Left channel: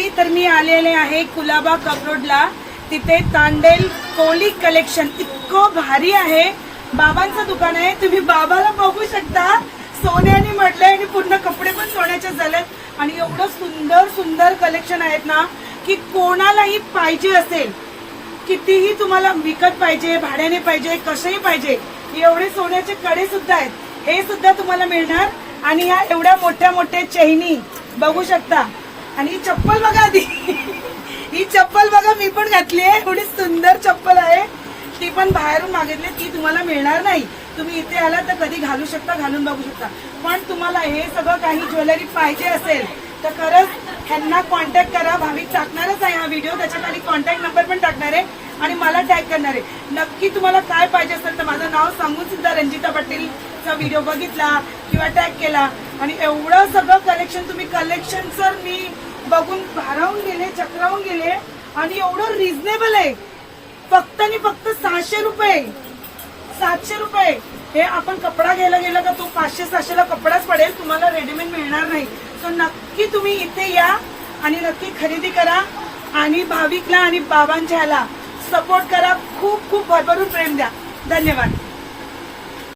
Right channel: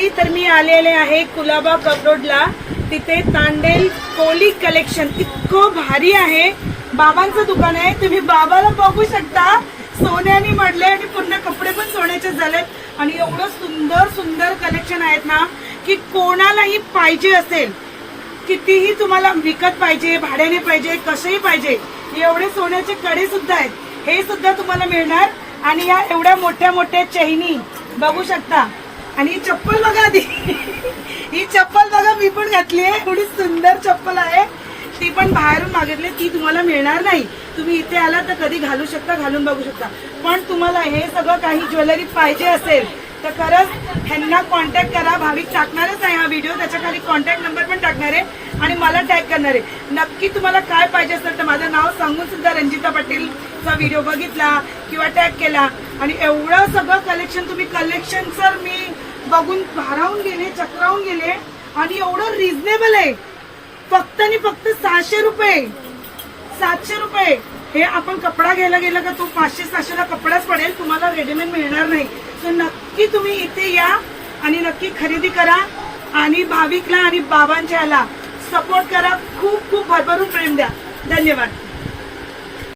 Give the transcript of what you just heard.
मंडळी, तर मी आलेले आहे कुलाबा कपरोडला. तिथे तांडेल कोली कलेक्शन इतकं भारी आहे. बाबांचं दुकान आहे, तुम्ही बाबाला बघू शकता. सोन्याने मडले आणि पूर्ण कपडे पण सोन्याचे झालेत आणि एवढं सुंदर सुंदर कलेक्शन आहेत ना की कोणालाही पाहिजे असेल, कितीही तुम्हाला विकत पाहिजे, भाड्याने पाहिजे, कसंही पाहिजे, एवढे सोन्याचे कडे सुद्धा आहेत, हे सुद्धा तुम्हाला मिळणार. आणि ह्या एवढ्या मोठ्या मोठ्या चैनी बघू शकता. आणि ही चप्पल बघा आधी, ही चप्पल बघा, मी पण घातली आहे. एवढी सुंदर चप्पल आहे. ती पण बाहेरून मागितली, ती तुम्हाला मिळणार नाही. तुम्ही इथे आला तर कधी घालू शकता, घालून बघू शकता. पण तुम्हाला हे सगळं काही ज्वेलरी पाहिजे असेल तर खरंच ह्यांना कॉन्टॅक्ट करा. भाविक टाकणारच आहे हा व्हिडिओ, त्याच्या खाली कॉन्टॅक्ट नंबर पण टाकणार आहे आणि मला टॅग करणार आहे. नक्की तुम्हाला काय पाहिजे असेल तर माझं नाव सांगून सुद्धा रंजिता पटेलचा व्हिडिओ बघितला किंवा टॅग केला. आणि एवढं सगळं कलेक्शन, तुम्ही कलेक्शन सर मी बघून भारावून गेले, चक्रावून गेले. आणि एवढं रिझनेबल आहे, फक्त आणि फक्त 600 रुपये, 700 रुपये. हे आपण कपडा घ्यायला गेला का तो 500-600 ला कपडाच पडेल, तुम्हाला रेडीमेड मिळणार नाही. सो नक्की तुम्ही इथे या आणि नक्की खरेदी करा आणि भाविकला आणि बाबांच्याला सपोर्ट करा. खूप खूप भरभरून प्रेम द्या. धन्यवाद.